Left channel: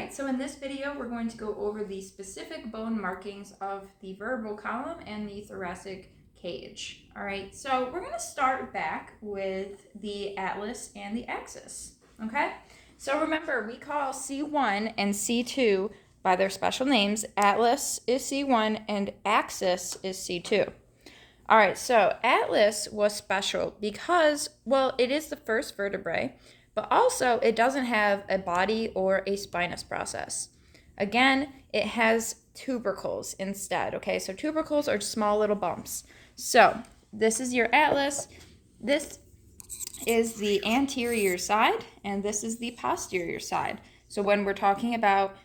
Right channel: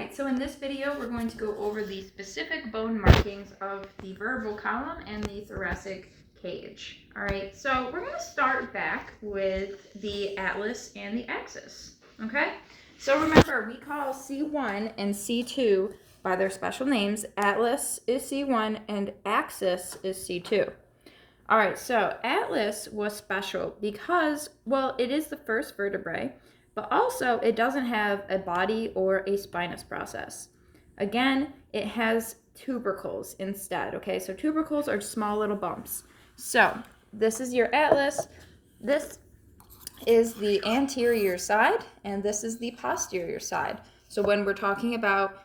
Alright, so in this video we're going to go over the specific bone markings of the vertebral column and the thoracic cage. Alright, so we're going to start back with the atlas and the axis. Okay, so remember we call C1 and C2 by their special names. Atlas is C1 and axis is C2. Alright, so atlas was special because, well, it is the first vertebrae, but also it doesn't have a body or a spinous process. Again, it has tubercles instead, okay? So tubercles are small little bumps. So this is your atlas. This is the anterior side, and this is the posterior side. So when we're talking about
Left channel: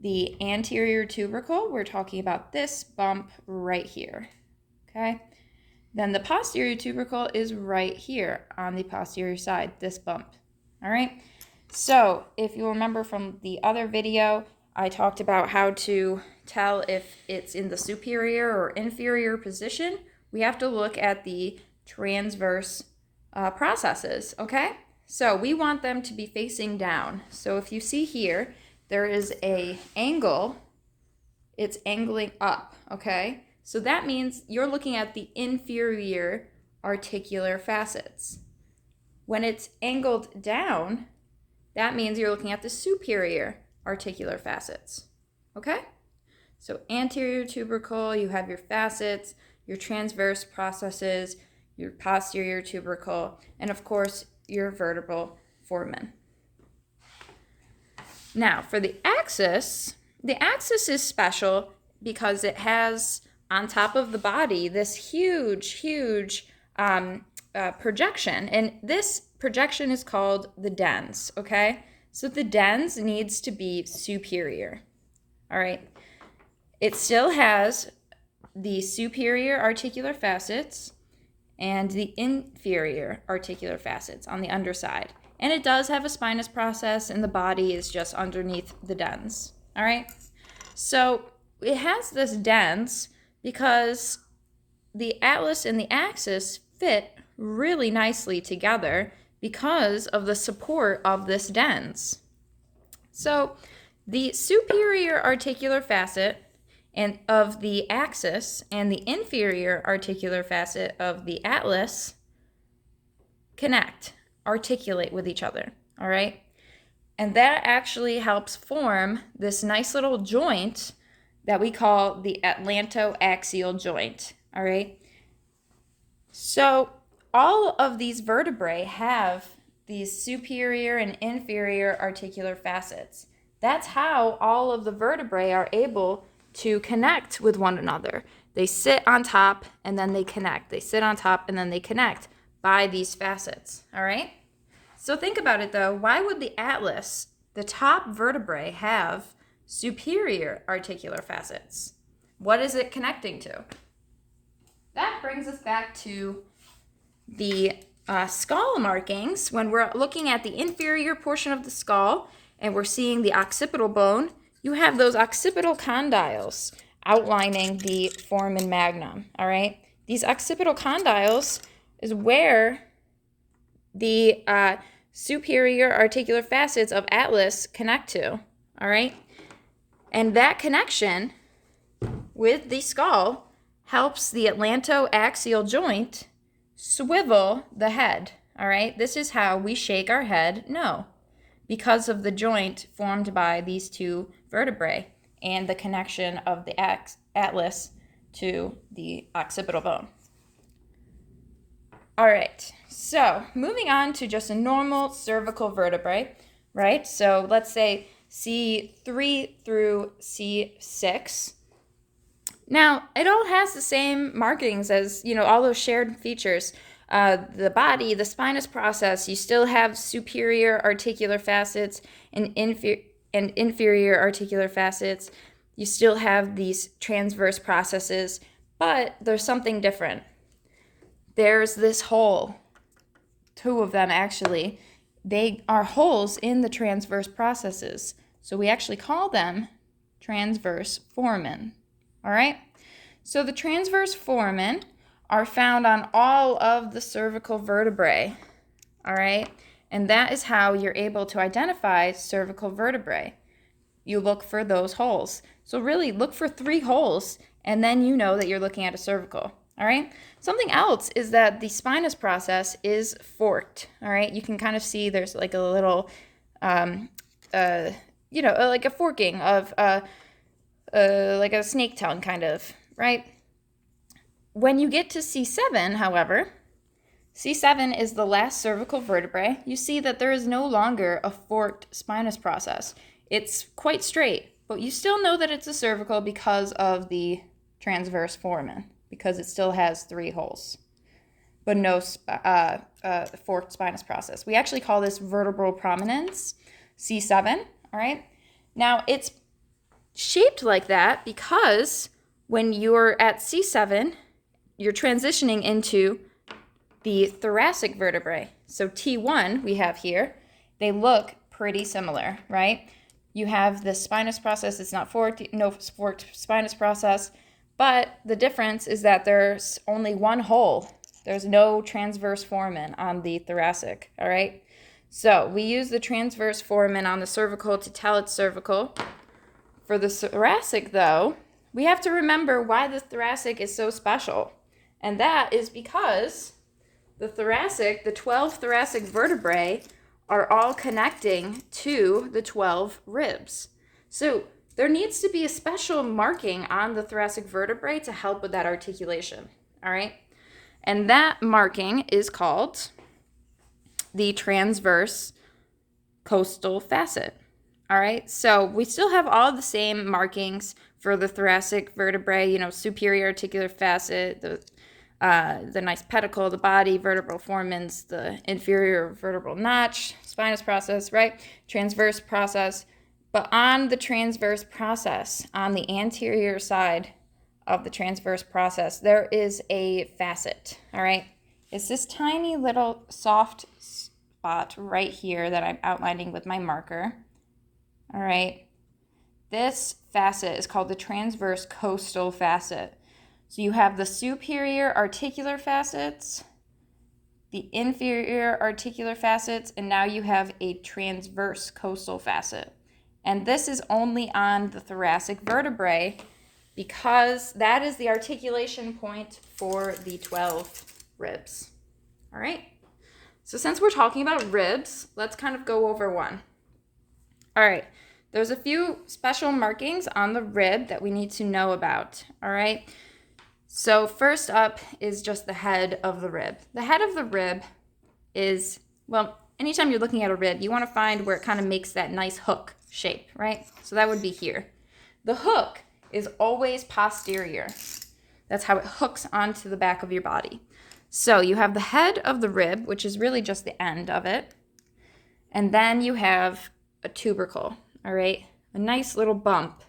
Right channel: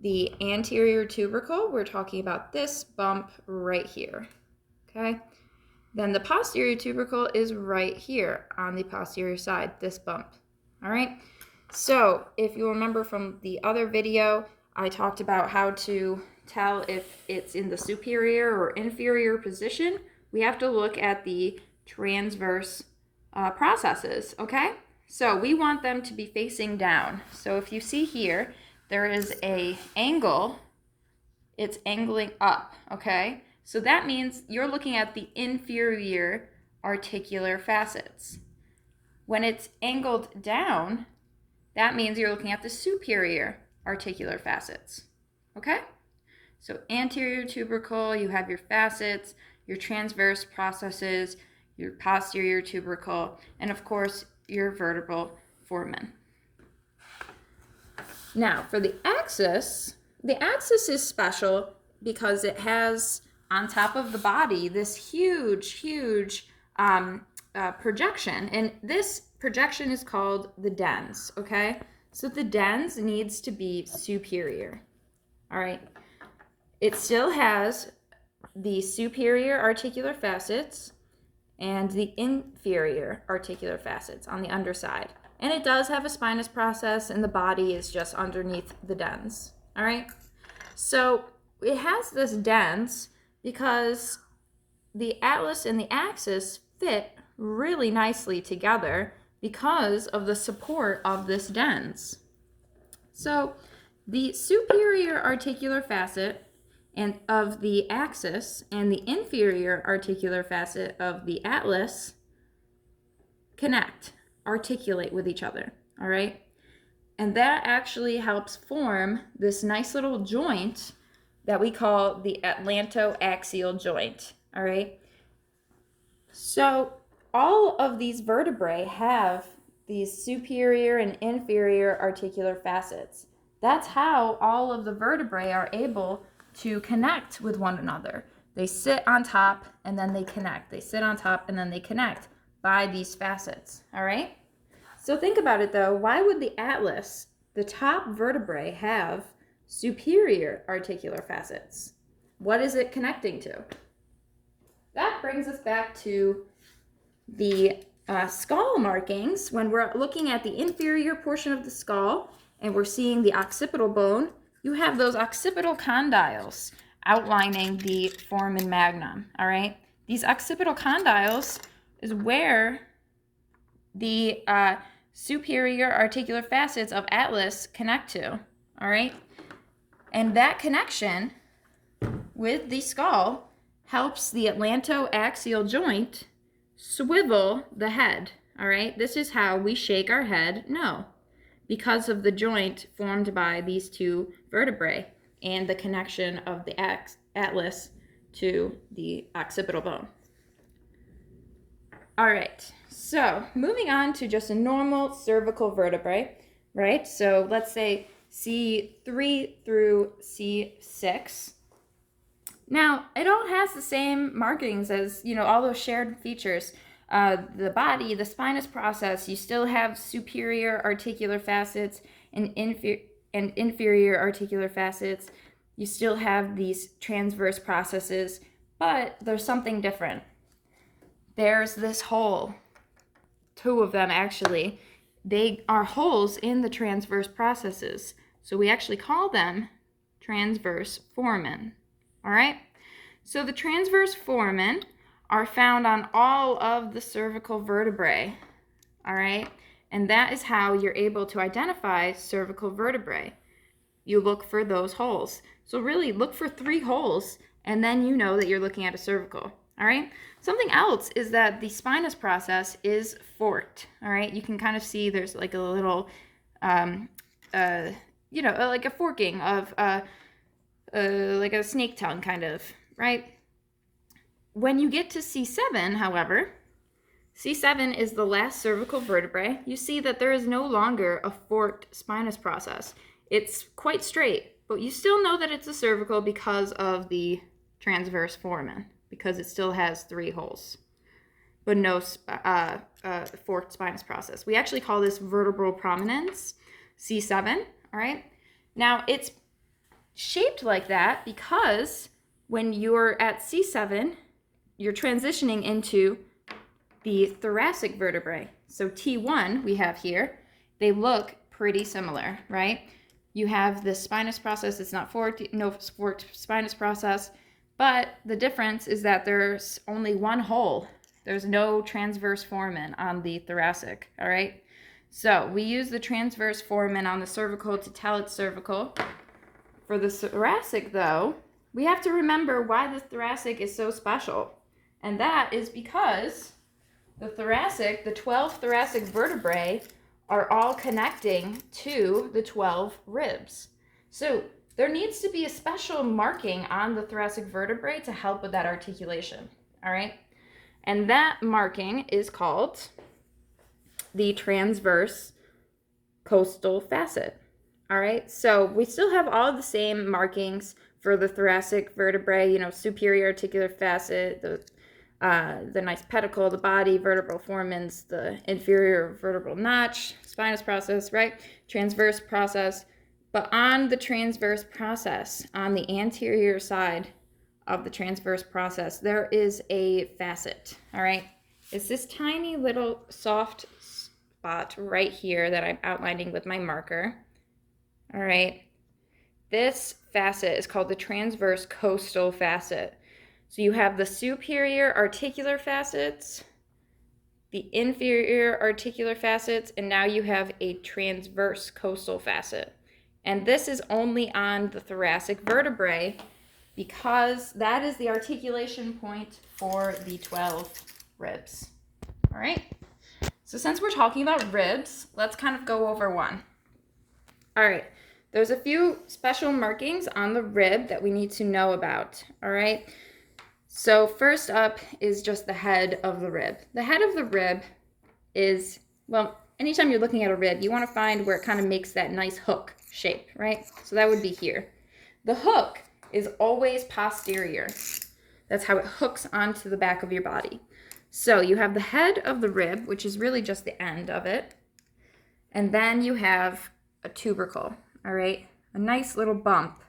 the anterior tubercle, we're talking about this bump right here, okay? Then the posterior tubercle is right here on the posterior side, this bump. All right, so if you remember from the other video, I talked about how to tell if it's in the superior or inferior position. We have to look at the transverse processes, okay? So we want them to be facing down. So if you see here, there is an angle, it's angling up, okay? So that means you're looking at the inferior articular facets. When it's angled down, that means you're looking at the superior articular facets, okay? So anterior tubercle, you have your facets, your transverse processes, your posterior tubercle, and of course, your vertebral foramen. Now, for the axis is special because it has on top of the body this huge projection, and this projection is called the dens, okay? So the dens needs to be superior, all right? It still has the superior articular facets and the inferior articular facets on the underside, and it does have a spinous process, and the body is just underneath the dens, all right? So it has this dens because the atlas and the axis fit really nicely together because of the support of this dens. So the superior articular facet and of the axis and the inferior articular facet of the atlas connect, articulate with each other, all right? And that actually helps form this nice little joint that we call the atlantoaxial joint, all right? So all of these vertebrae have these superior and inferior articular facets. That's how all of the vertebrae are able to connect with one another. They sit on top and then they connect. They sit on top and then they connect by these facets, all right? So think about it though, why would the atlas, the top vertebrae, have superior articular facets? What is it connecting to? That brings us back to the skull markings. When we're looking at the inferior portion of the skull and we're seeing the occipital bone, you have those occipital condyles outlining the foramen magnum, all right? These occipital condyles is where the superior articular facets of atlas connect to, all right? And that connection with the skull helps the atlantoaxial joint swivel the head, all right? This is how we shake our head no, because of the joint formed by these two vertebrae and the connection of the atlas to the occipital bone. All right, so moving on to just a normal cervical vertebrae, right? So let's say C3 through C6. Now, it all has the same markings as, you know, all those shared features. The body, the spinous process, you still have superior articular facets and inferior articular facets. You still have these transverse processes, but there's something different. There's this hole, two of them actually. They are holes in the transverse processes. So we actually call them transverse foramen. All right, so the transverse foramen are found on all of the cervical vertebrae, all right? And that is how you're able to identify cervical vertebrae. you look for those holes. So really look for 3 holes, and then you know that you're looking at a cervical. All right. Something else is that the spinous process is forked. All right. You can kind of see there's like a little, like a forking of like a snake tongue kind of, right? When you get to C7, however, C7 is the last cervical vertebrae. You see that there is no longer a forked spinous process. It's quite straight, but you still know that it's a cervical because of the transverse foramen, because it still has 3 holes, but no forked spinous process. We actually call this vertebral prominence, C7, all right? Now, it's shaped like that because when you're at C7, you're transitioning into the thoracic vertebrae. So T1 we have here, they look pretty similar, right? You have the spinous process, it's not forked, no forked spinous process, but the difference is that there's only 1 hole. There's no transverse foramen on the thoracic, all right? So we use the transverse foramen on the cervical to tell it's cervical. For the thoracic, though, we have to remember why the thoracic is so special. And that is because the thoracic, the 12 thoracic vertebrae, are all connecting to the 12 ribs. So there needs to be a special marking on the thoracic vertebrae to help with that articulation, all right? And that marking is called the transverse costal facet, all right? So we still have all the same markings for the thoracic vertebrae, superior articular facet, the nice pedicle, the body, vertebral foramens, the inferior vertebral notch, spinous process, right? Transverse process. But on the transverse process, on the anterior side of the transverse process, there is a facet, all right? It's this tiny little soft spot right here that I'm outlining with my marker, all right? This facet is called the transverse costal facet. So you have the superior articular facets, the inferior articular facets, and now you have a transverse costal facet. And this is only on the thoracic vertebrae because that is the articulation point for the 12 ribs. All right? So since we're talking about ribs, let's kind of go over one. All right. There's a few special markings on the rib that we need to know about. All right? So first up is just the head of the rib. The head of the rib is, well, anytime you're looking at a rib, you want to find where it kind of makes that nice hook shape, right? So that would be here. The hook is always posterior. That's how it hooks onto the back of your body. So you have the head of the rib, which is really just the end of it. And then you have a tubercle, all right? A nice little bump.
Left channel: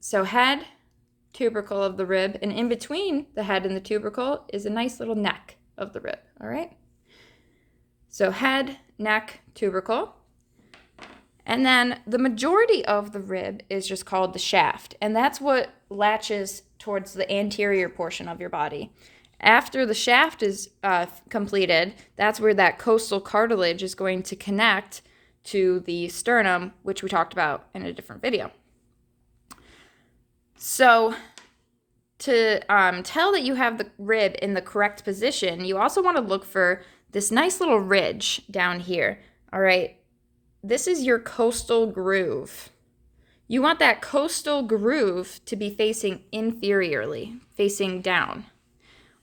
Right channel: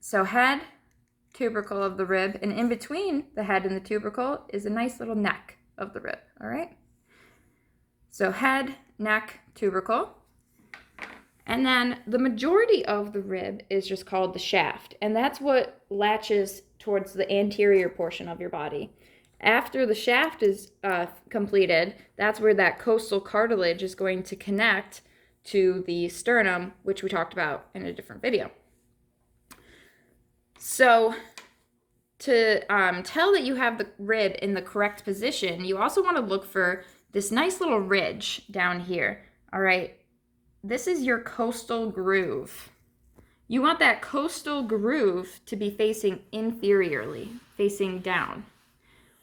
So head, tubercle of the rib, and in between the head and the tubercle is a nice little neck of the rib, all right? So head, neck, tubercle. And then the majority of the rib is just called the shaft, and that's what latches towards the anterior portion of your body. After the shaft is completed, that's where that costal cartilage is going to connect to the sternum, which we talked about in a different video. So to tell that you have the rib in the correct position, you also want to look for this nice little ridge down here, all right? This is your costal groove. You want that costal groove to be facing inferiorly, facing down.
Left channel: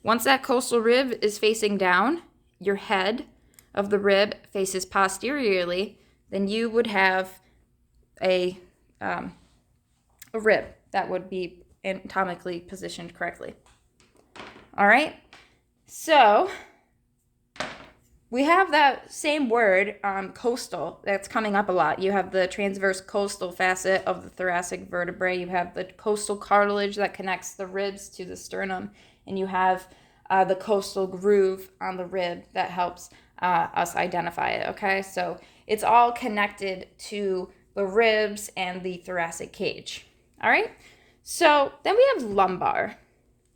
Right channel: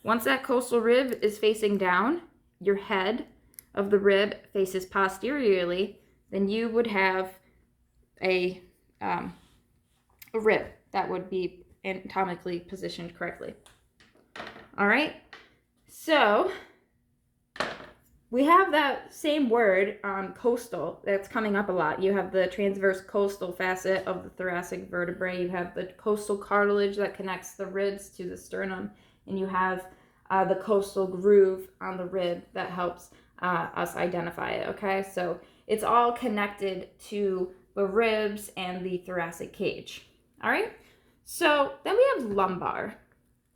Once that costal rib is facing down, your head of the rib faces posteriorly, then you would have a rib that would be anatomically positioned correctly. All right, so we have that same word, costal, that's coming up a lot. You have the transverse costal facet of the thoracic vertebrae. You have the costal cartilage that connects the ribs to the sternum. And you have the costal groove on the rib that helps us identify it, okay? So it's all connected to the ribs and the thoracic cage, all right? So then we have lumbar.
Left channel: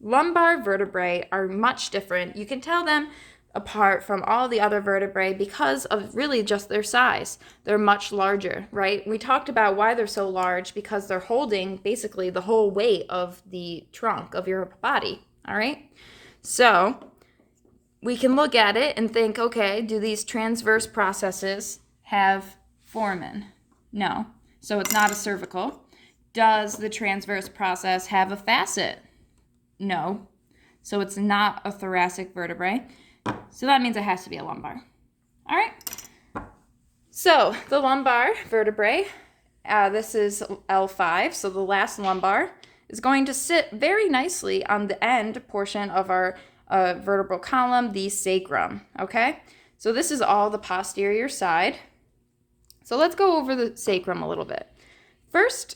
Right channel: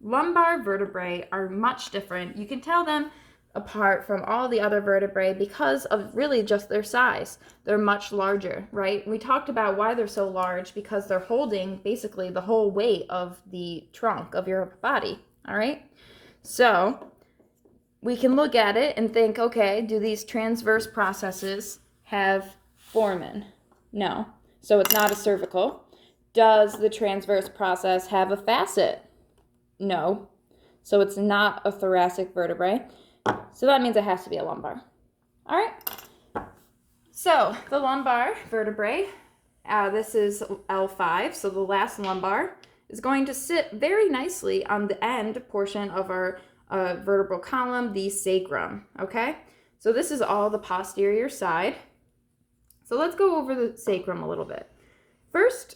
Lumbar vertebrae are much different. You can tell them apart from all the other vertebrae because of really just their size. They're much larger, right? We talked about why they're so large, because they're holding basically the whole weight of the trunk of your body, all right? So we can look at it and think, okay, do these transverse processes have foramen? No. So it's not a cervical. Does the transverse process have a facet? No. So it's not a thoracic vertebrae. So that means it has to be a lumbar. All right. So the lumbar vertebrae, this is L5. So the last lumbar is going to sit very nicely on the end portion of our vertebral column, the sacrum. Okay. So this is all the posterior side. So let's go over the sacrum a little bit. First,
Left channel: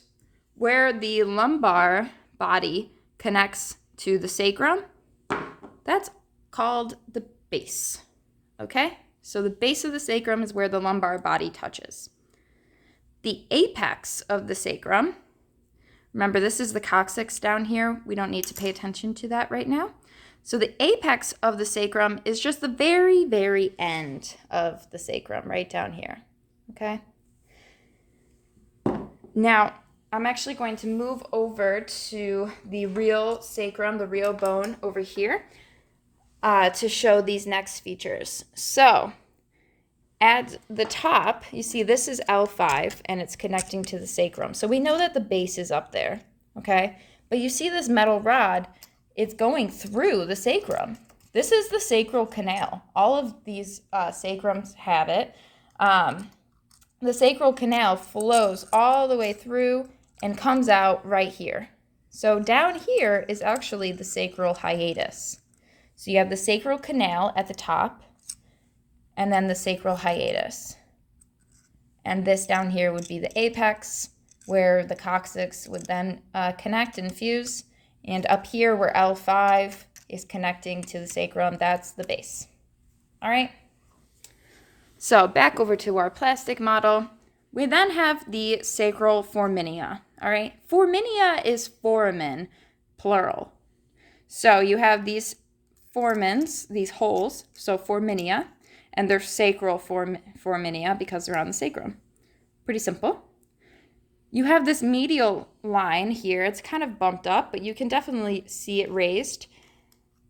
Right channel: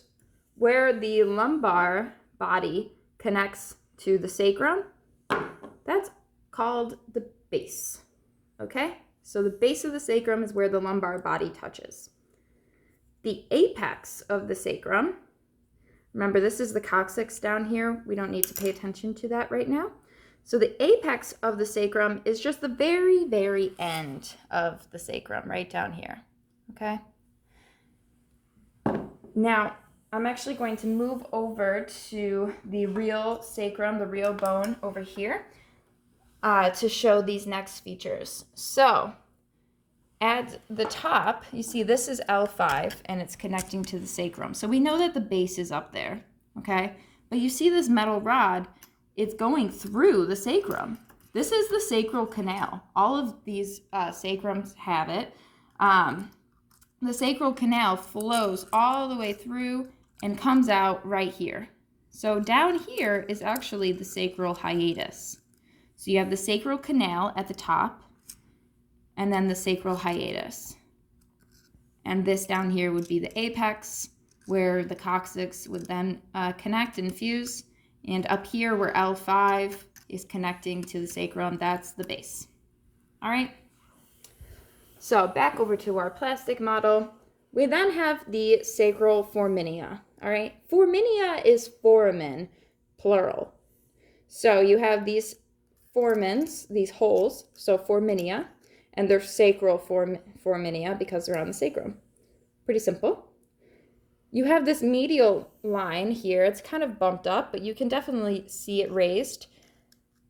where the lumbar body connects to the sacrum, that's called the base, okay? So the base of the sacrum is where the lumbar body touches. The apex of the sacrum, remember this is the coccyx down here. We don't need to pay attention to that right now. So the apex of the sacrum is just the very, very end of the sacrum, right down here, okay? Now, I'm actually going to move over to the real sacrum, the real bone over here, to show these next features. So at the top, you see this is L5 and it's connecting to the sacrum. So we know that the base is up there, okay? But you see this metal rod, it's going through the sacrum. This is the sacral canal. All of these sacrums have it. The sacral canal flows all the way through and comes out right here. So down here is actually the sacral hiatus. So you have the sacral canal at the top, and then the sacral hiatus. And this down here would be the apex, where the coccyx would then connect and fuse. And up here where L5 is connecting to the sacrum, that's the base. All right? So back over to our plastic model. We then have the sacral foramina, all right? Foramina is foramen, plural. So you have these foramens, these holes, so foramina, and they're sacral foramina because they're on the sacrum. Pretty simple. You have this medial line here. It's kind of bumped up, but you can definitely see it raised.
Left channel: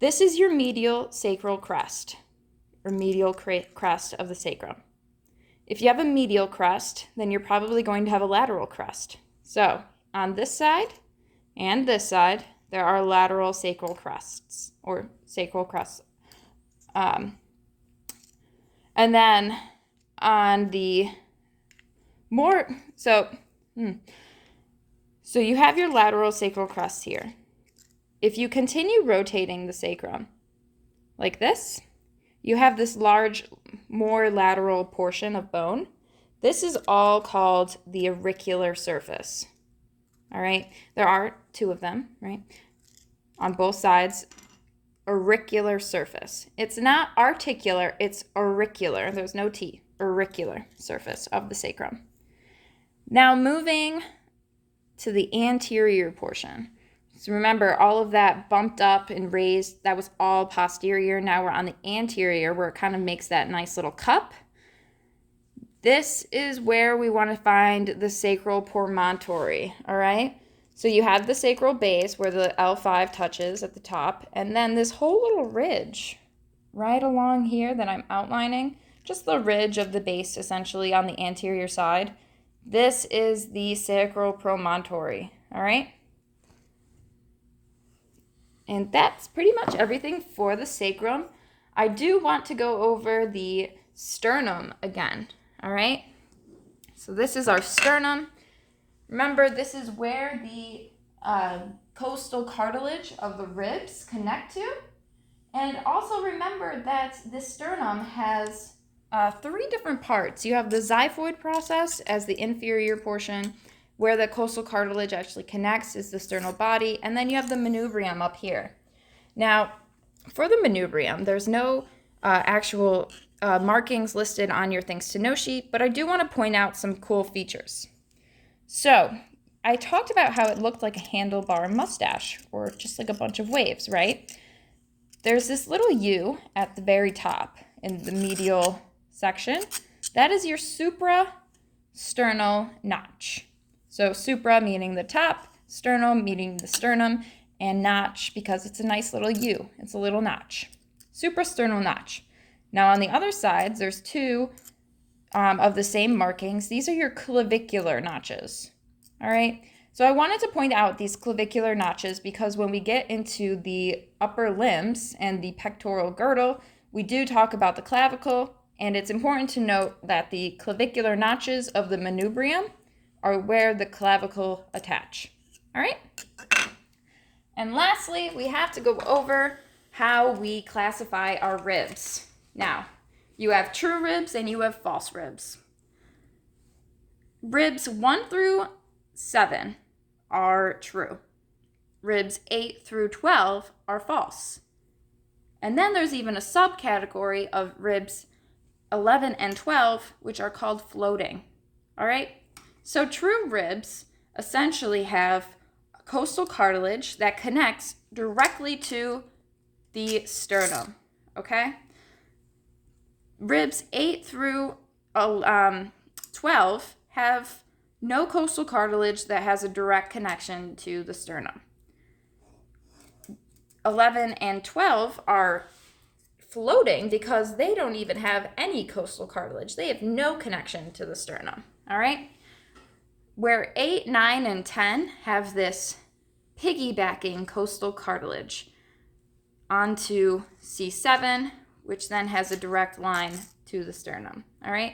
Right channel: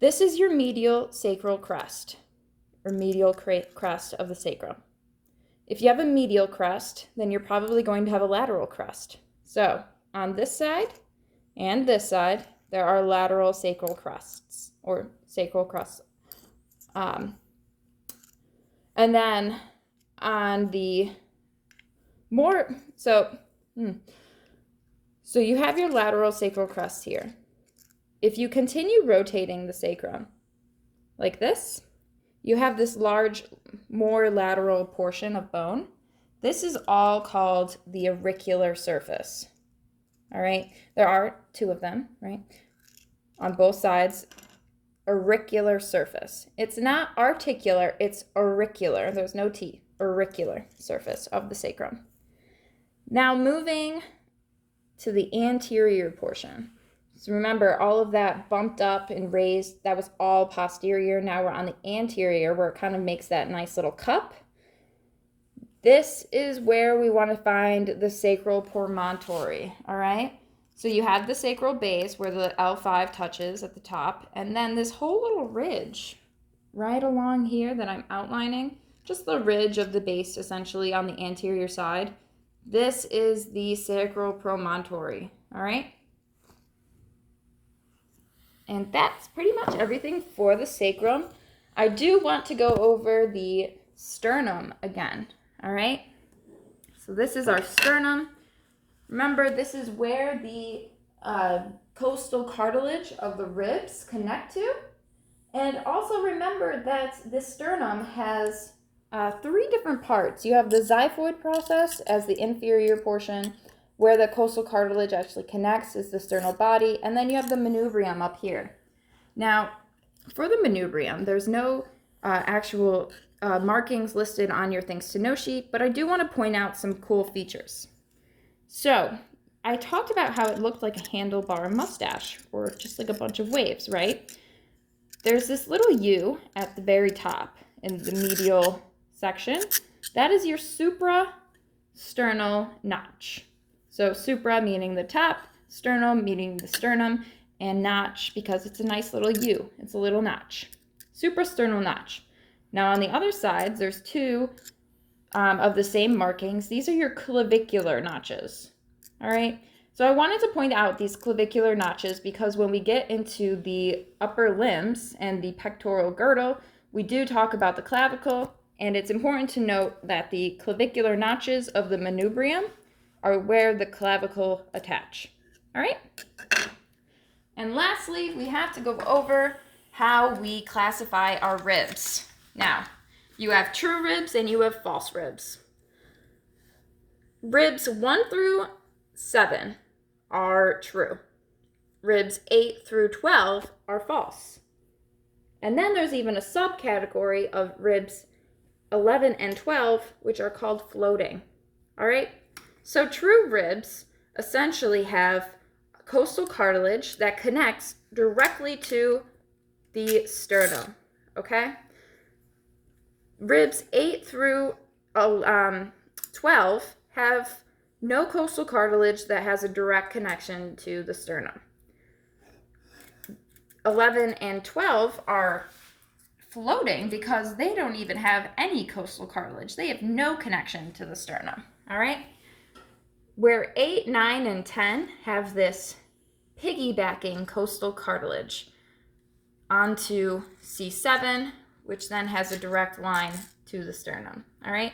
This is your medial sacral crest, or medial crest of the sacrum. If you have a medial crest, then you're probably going to have a lateral crest. So on this side and this side, there are lateral sacral crests, or sacral crests. And then on the more, so you have your lateral sacral crest here. If you continue rotating the sacrum like this, you have this large, more lateral portion of bone. This is all called the auricular surface. All right, there are two of them, right? On both sides, auricular surface. It's not articular, it's auricular. There's no T, auricular surface of the sacrum. Now moving to the anterior portion. So remember, all of that bumped up and raised, that was all posterior. Now we're on the anterior where it kind of makes that nice little cup. This is where we want to find the sacral promontory, all right? So you have the sacral base where the L5 touches at the top, and then this whole little ridge right along here that I'm outlining, just the ridge of the base essentially on the anterior side. This is the sacral promontory, all right? And that's pretty much everything for the sacrum. I do want to go over the sternum again, all right? So this is our sternum. Remember, this is where the costal cartilage of the ribs connect to. And also remember that the sternum has 3 different parts. You have the xiphoid process as the inferior portion, where the costal cartilage actually connects is the sternal body, and then you have the manubrium up here. Now, for the manubrium, there's no actual markings listed on your Things to Know sheet, but I do want to point out some cool features. So, I talked about how it looked like a handlebar mustache, or just like a bunch of waves, right? there's this little U at the very top in the medial section. That is your suprasternal notch. So supra meaning the top, sternum meaning the sternum, and notch because it's a nice little U. It's a little notch. Suprasternal notch. Now on the other sides, there's two of the same markings. These are your clavicular notches. All right. So I wanted to point out these clavicular notches because when we get into the upper limbs and the pectoral girdle, we do talk about the clavicle, and it's important to note that the clavicular notches of the manubrium are where the clavicle attach. All right? And lastly, we have to go over how we classify our ribs. Now, you have true ribs and you have false ribs. Ribs 1 through 7 are true. Ribs 8 through 12 are false. And then there's even a subcategory of ribs 11 and 12, which are called floating. All right? So true ribs essentially have costal cartilage that connects directly to the sternum. Okay? Ribs 8 through 12 have no costal cartilage that has a direct connection to the sternum. 11 and 12 are floating because they don't even have any costal cartilage. They have no connection to the sternum, all right? Where 8, 9, and 10 have this piggybacking costal cartilage onto C7, which then has a direct line to the sternum, all right?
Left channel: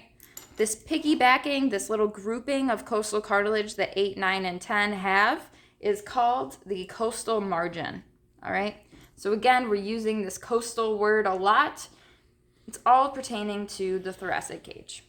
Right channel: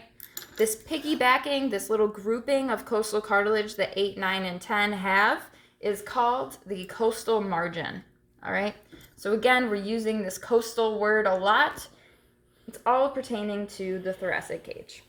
This piggybacking, this little grouping of costal cartilage that 8, 9, and 10 have is called the costal margin, all right? So again, we're using this costal word a lot. It's all pertaining to the thoracic cage.